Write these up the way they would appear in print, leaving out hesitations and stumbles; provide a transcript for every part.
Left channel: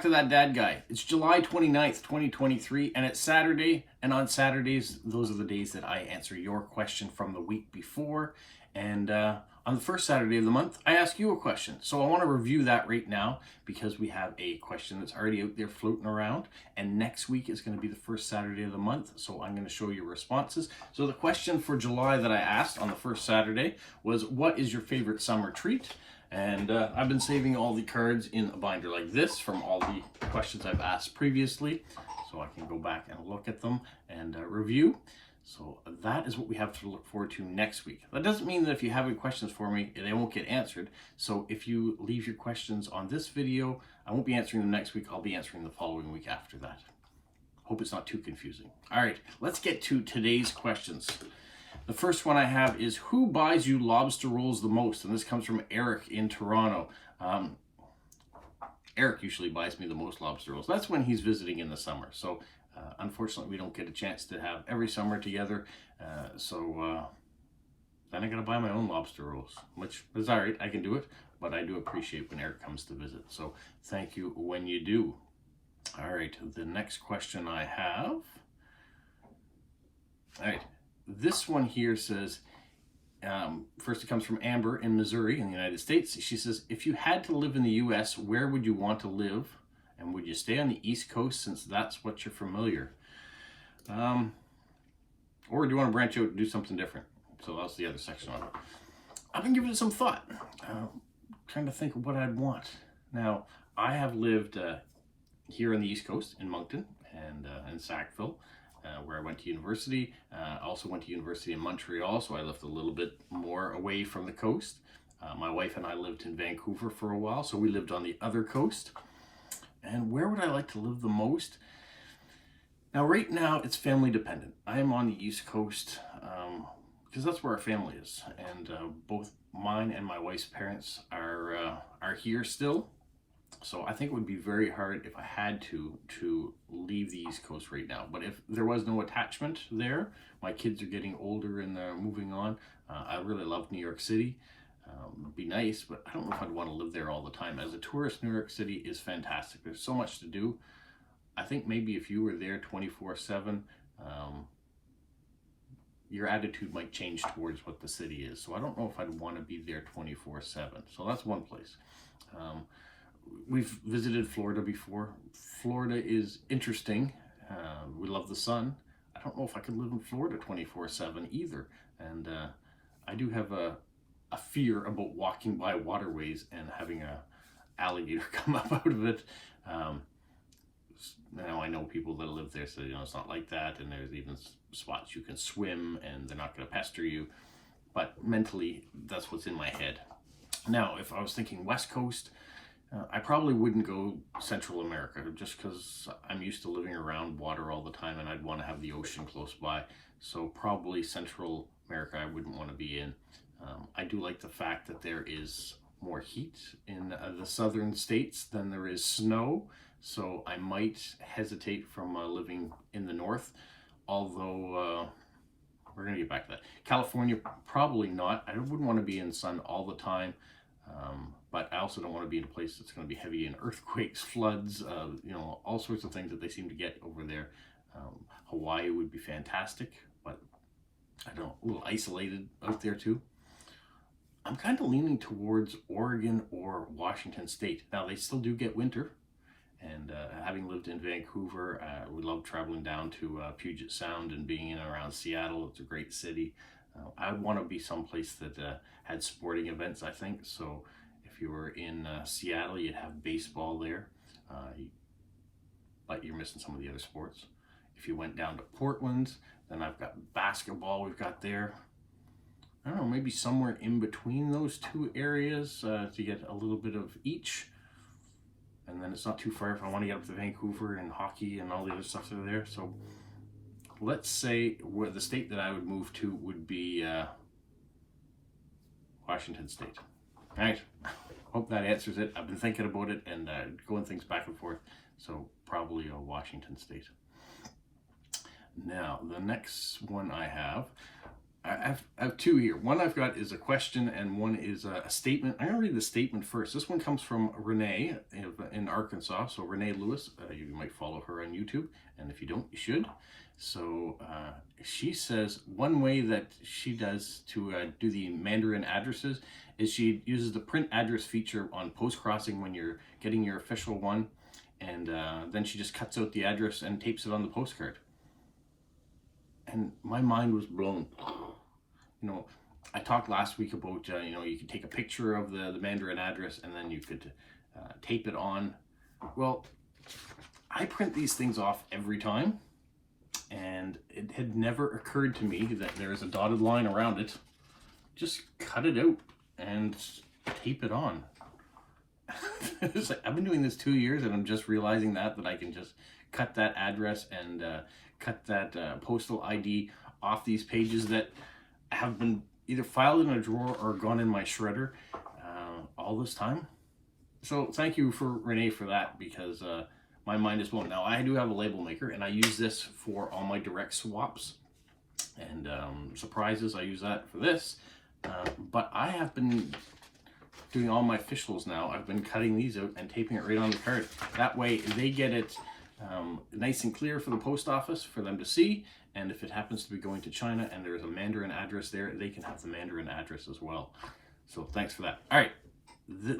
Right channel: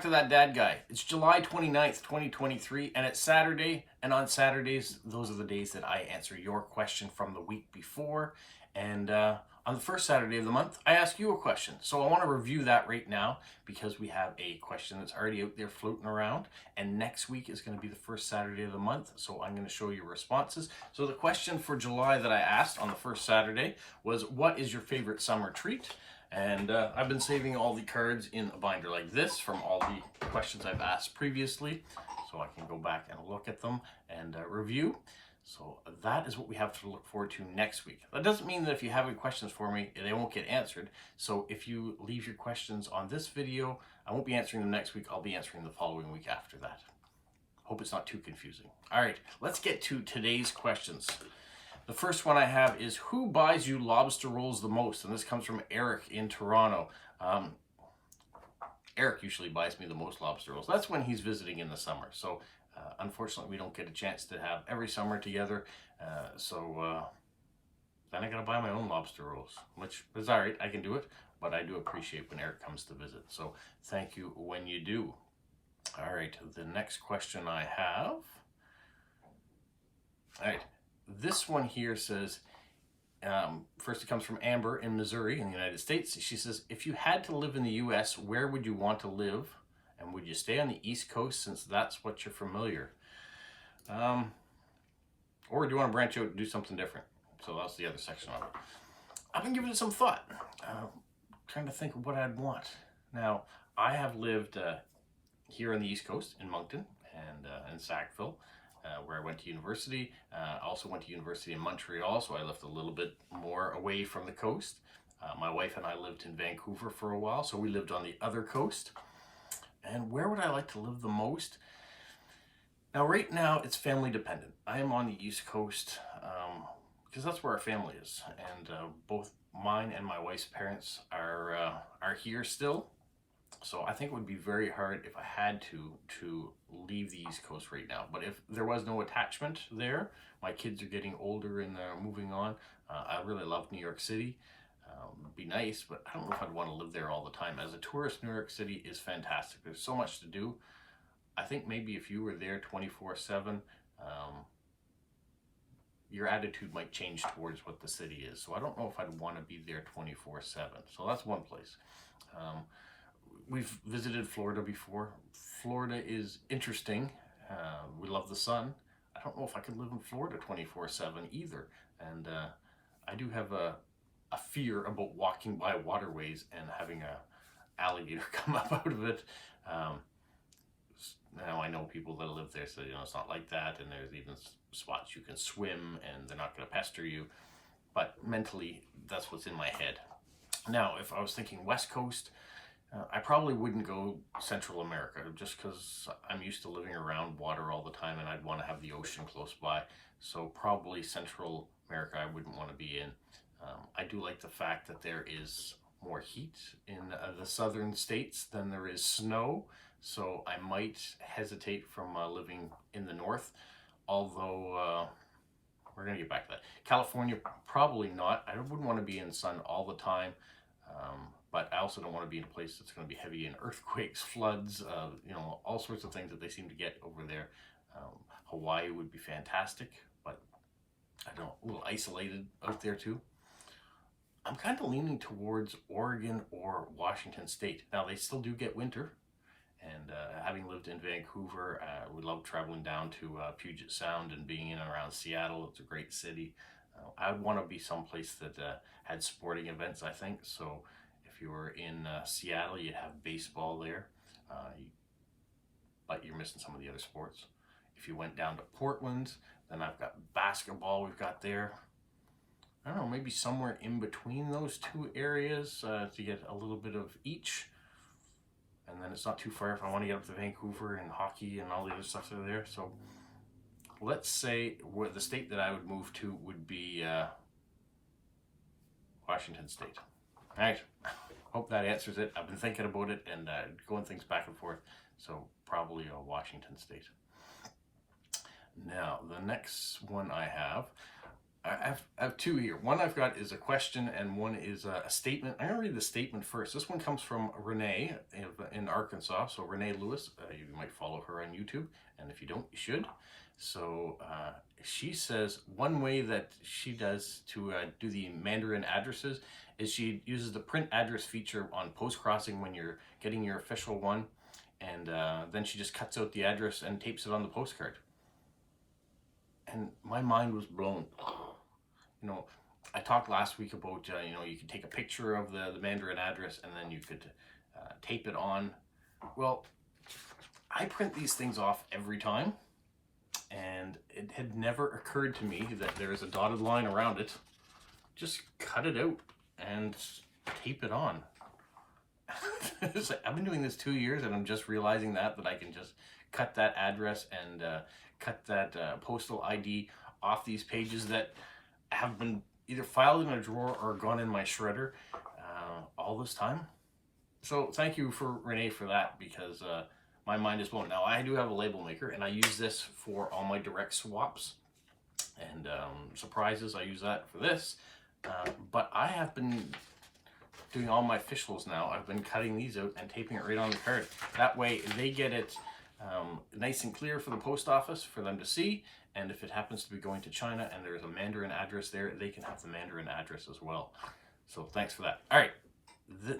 back to That Dad Guy. It's July 29th, 2023, and it's Saturday. And on Saturdays, those are the days that I answer your question from the week before. And on the first Saturday of the month, I ask you a question. So I want to review that right now because we have a question that's already out there floating around. And next week is going to be the first Saturday of the month. So I'm going to show you responses. So the question for July that I asked on the first Saturday was, what is your favorite summer treat? And I've been saving all the cards in a binder like this from all the questions I've asked previously, so I can go back and look at them and review. So that is what we have to look forward to next week. That doesn't mean that if you have any questions for me, they won't get answered. So if you leave your questions on this video, I won't be answering them next week. I'll be answering the following week after that. Hope it's not too confusing. All right, let's get to today's questions. The first one I have is, who buys you lobster rolls the most? And this comes from Eric in Toronto. Eric usually buys me the most lobster rolls. That's when he's visiting in the summer. So unfortunately, we don't get a chance to have every summer together. Then I gotta buy my own lobster rolls, which is all right. I can do it, but I do appreciate when Eric comes to visit. So thank you when you do. All right, the next question I have. All right. This one here says, first it comes from Amber in Missouri in the United States. She says, if you had to live in the U.S., where would you want to live? And would you stay on the East Coast since that's what you're familiar? Or do you want to branch out and do something different? So that's the other section of it. I've been giving it some thought, trying to think of what I'd want. Now, I have lived here on the East Coast in Moncton and in Sackville. Where I went to university. Also went to university in Montreal, so I lived a little bit more away from the coast. My wife and I lived in Vancouver for a while, so we lived on the other coast. And where would I like to live the most? Now, right now, it's family dependent. I am on the East Coast because that's where our family is. And both mine and my wife's parents are here still. So I think it would be very hard if I had to leave the East Coast right now. But if there was no attachment there, my kids are getting older and they're moving on. I really love New York City. It'd be nice, but I don't know if I'd want to live there all the time. As a tourist, New York City is fantastic. There's so much to do. I think maybe if you were there 24/7, your attitude might change towards what the city is. So I don't know if I'd want to be there 24/7. So that's one place. We've visited Florida before. Florida is interesting. We love the sun. I don't know if I could live in Florida 24/7 either. And I do have a fear about walking by waterways and having a alligator come up out of it. Now I know people that live there, so it's not like that. And there's even spots you can swim and they're not going to pester you. But mentally, that's what's in my head. Now, if I was thinking West Coast, I probably wouldn't go Central America just because I'm used to living around water all the time and I'd want to have the ocean close by. So probably Central America I wouldn't want to be in. I do like the fact that there is more heat in the southern states than there is snow. So I might hesitate from living in the north, although we're going to get back to that. California, probably not. I wouldn't want to be in sun all the time. But I also don't want to be in a place that's going to be heavy in earthquakes, floods, all sorts of things that they seem to get over there. Hawaii would be fantastic, but I don't know, a little isolated out there too. I'm kind of leaning towards Oregon or Washington State. Now, they still do get winter, and having lived in Vancouver, we love traveling down to Puget Sound and being in and around Seattle. It's a great city. I would want to be someplace that had sporting events, I think. So if you were in Seattle, you'd have baseball there, but you're missing some of the other sports. If you went down to Portland, then I've got basketball we've got there. I don't know, maybe somewhere in between those two areas to get a little bit of each. And then it's not too far if I want to get up to Vancouver and hockey and all the other stuff that are there. So let's say where the state that I would move to would be Washington State. All right, hope that answers it. I've been thinking about it and going things back and forth. So probably Washington State. Now, the next one I have, I have two here. One I've got is a question and one is a statement. I'm going to read the statement first. This one comes from Renee in Arkansas. So Renee Lewis, you might follow her on YouTube. And if you don't, you should. So she says one way that she does to do the Mandarin addresses is she uses the print address feature on Postcrossing when you're getting your official one. And then she just cuts out the address and tapes it on the postcard. And my mind was blown. You know, I talked last week about, you know, you could take a picture of the Mandarin address and then you could tape it on. Well, I print these things off every time, and it had never occurred to me that there is a dotted line around it. Just cut it out and tape it on. It's like, I've been doing this 2 years and I'm just realizing that I can just cut that address and cut that postal ID off these pages that have been either filed in a drawer or gone in my shredder all this time. So thank you for Renee for that, because my mind is blown. Now I do have a label maker and I use this for all my direct swaps and surprises. I use that for this, but I have been doing all my officials now. I've been cutting these out and taping it right on the card. That way they get it nice and clear for the post office for them to see. And if it happens to be going to China and there's a Mandarin address there, they can have the Mandarin address as well. So thanks for that. All right,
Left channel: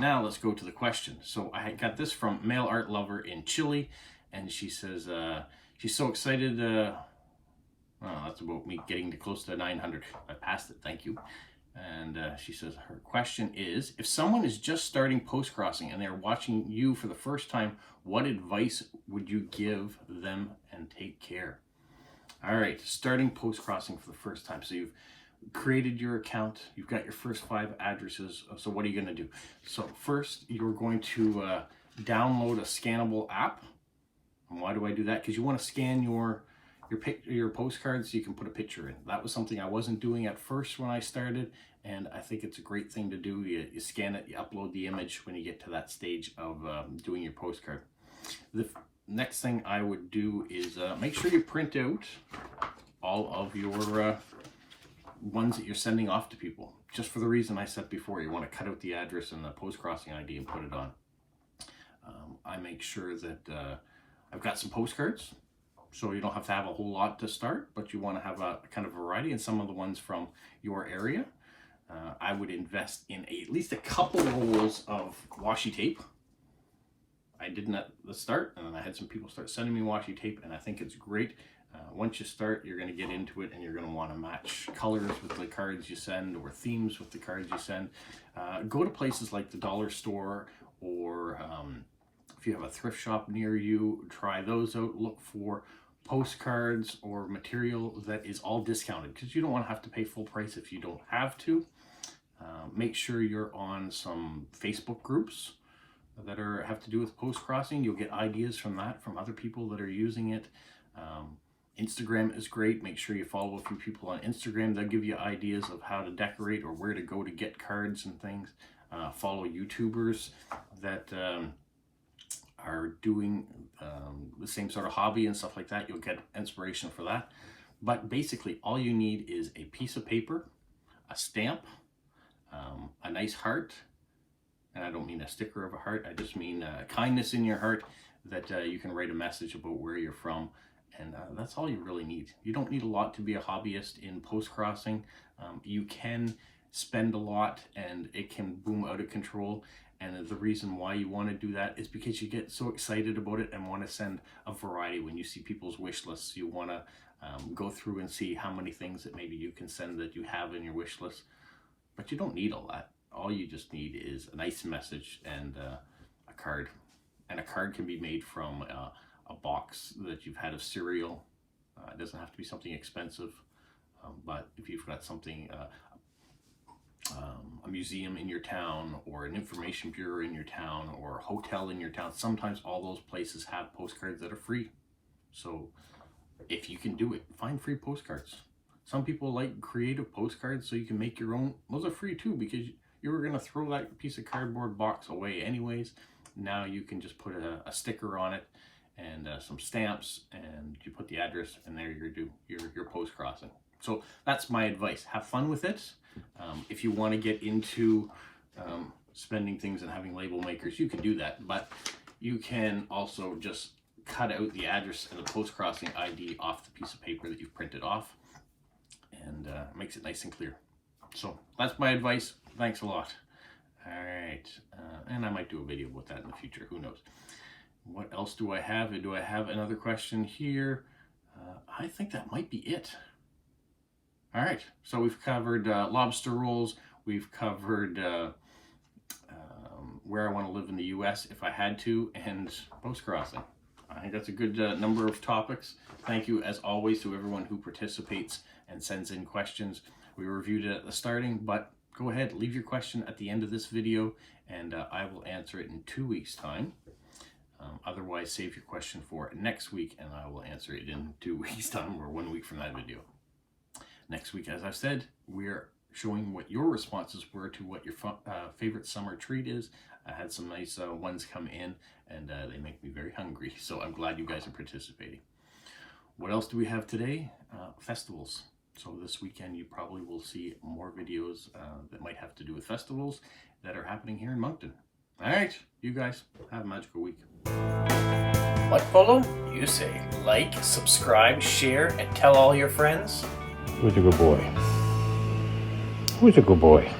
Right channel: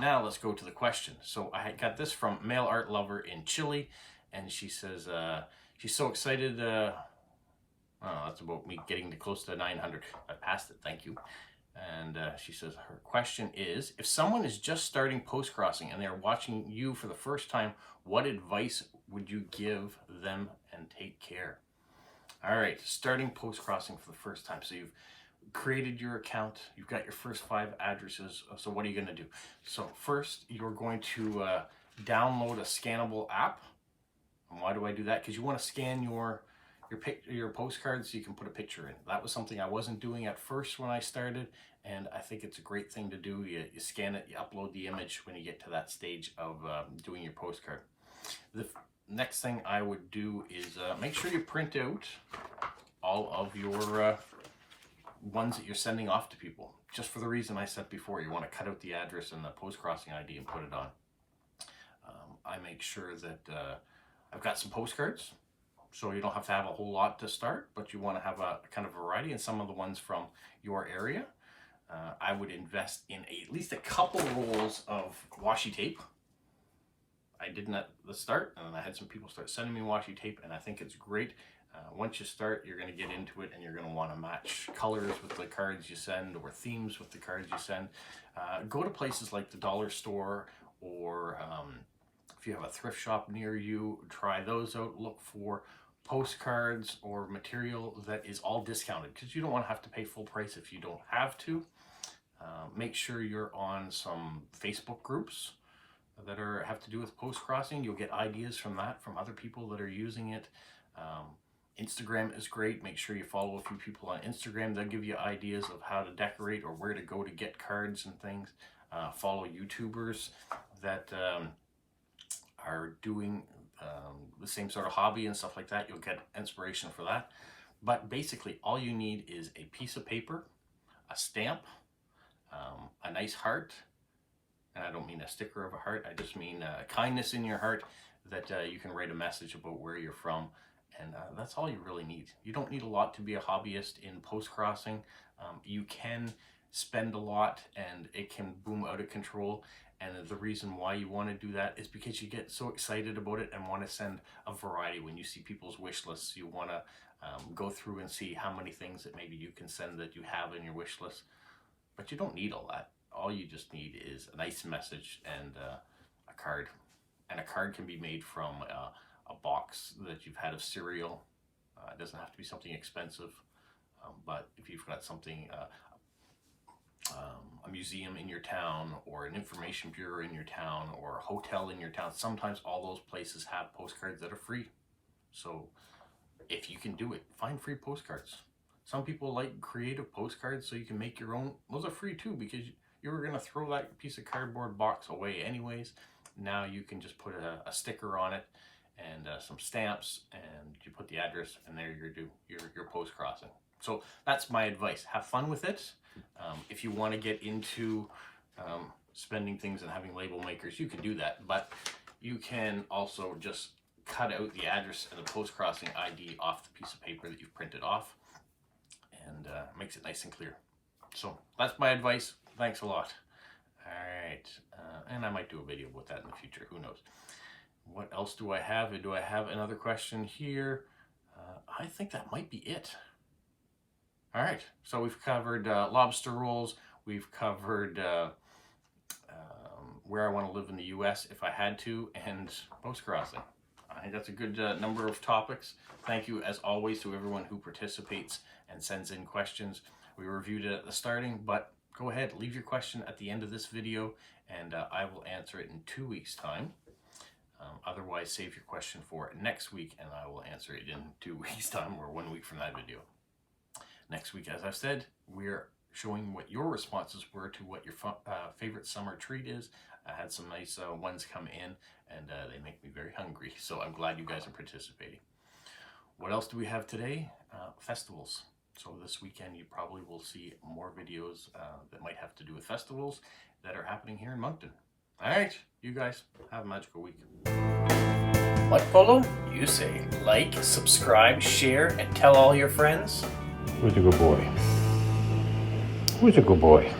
now let's go to the question. So I got this from Mail Art Lover in Chile, and she says she's so excited. Oh, that's about me getting to close to 900. I passed it, thank you. And she says her question is, if someone is just starting postcrossing and they're watching you for the first time, what advice would you give them, and take care? All right, starting postcrossing for the first time. So you've created your account, you've got your first 5 addresses. So what are you going to do? So first, you're going to download a scannable app. And why do I do that? Because you want to scan your postcards so you can put a picture in. That was something I wasn't doing at first when I started, and I think it's a great thing to do. You scan it, you upload the image when you get to that stage of doing your postcard. The next thing I would do is make sure you print out all of your ones that you're sending off to people, just for the reason I said before. You want to cut out the address and the postcrossing ID and put it on. I make sure that I've got some postcards, so you don't have to have a whole lot to start, but you want to have a kind of variety, and some of the ones from your area. I would invest in at least a couple rolls of washi tape. I didn't at the start, and then I had some people start sending me washi tape, and I think it's great. Once you start, you're going to get into it, and you're going to want to match colors with the cards you send, or themes with the cards you send. Go to places like the dollar store, or if you have a thrift shop near you, try those out. Look for postcards or material that is all discounted, because you don't want to have to pay full price if you don't have to. Make sure you're on some Facebook groups that have to do with postcrossing. You'll get ideas from that, from other people that are using it. Instagram is great. Make sure you follow a few people on Instagram. They'll give you ideas of how to decorate or where to go to get cards and things. Follow YouTubers that are doing the same sort of hobby and stuff like that. You'll get inspiration for that. But basically, all you need is a piece of paper, a stamp, a nice heart, and I don't mean a sticker of a heart, I just mean kindness in your heart, that you can write a message about where you're from, and that's all you really need. You don't need a lot to be a hobbyist in postcrossing. You can spend a lot and it can boom out of control, and the reason why you want to do that is because you get so excited about it and want to send a variety. When you see people's wish lists, you want to go through and see how many things that maybe you can send that you have in your wish list. But you don't need all that. All you just need is a nice message and a card. And a card can be made from a box that you've had of cereal. It doesn't have to be something expensive, but if you've got something, a museum in your town, or an information bureau in your town, or a hotel in your town, sometimes all those places have postcards that are free. So if you can do it, find free postcards. Some people like creative postcards, so you can make your own. Those are free too, because you were going to throw that piece of cardboard box away anyways. Now you can just put a sticker on it and some stamps, and you put the address, and there you do your postcrossing. So that's my advice. Have fun with it. If you want to get into spending things and having label makers, you can do that. But you can also just cut out the address and the post-crossing ID off the piece of paper that you've printed off, and makes it nice and clear. So that's my advice. Thanks a lot. All right, and I might do a video about that in the future. Who knows? What else do I have? Do I have another question here? I think that might be it. All right, so we've covered lobster rolls. We've covered where I want to live in the U.S. if I had to, and post-crossing. I think that's a good number of topics. Thank you, as always, to everyone who participates and sends in questions. We reviewed it at the starting, but go ahead, leave your question at the end of this video, and I will answer it in 2 weeks' time. Otherwise, save your question for next week, and I will answer it in 2 weeks' time, or 1 week from that video. Next week, as I've said, we're showing what your responses were to what your favorite summer treat is. I had some nice ones come in, and they make me very hungry, so I'm glad you guys are participating. What else do we have today? Festivals. So this weekend you probably will see more videos that might have to do with festivals that are happening here in Moncton. All right, you guys have a magical week. What, Polo? You say like, subscribe, share, and tell all your friends? Who's a good boy? Who's a good boy?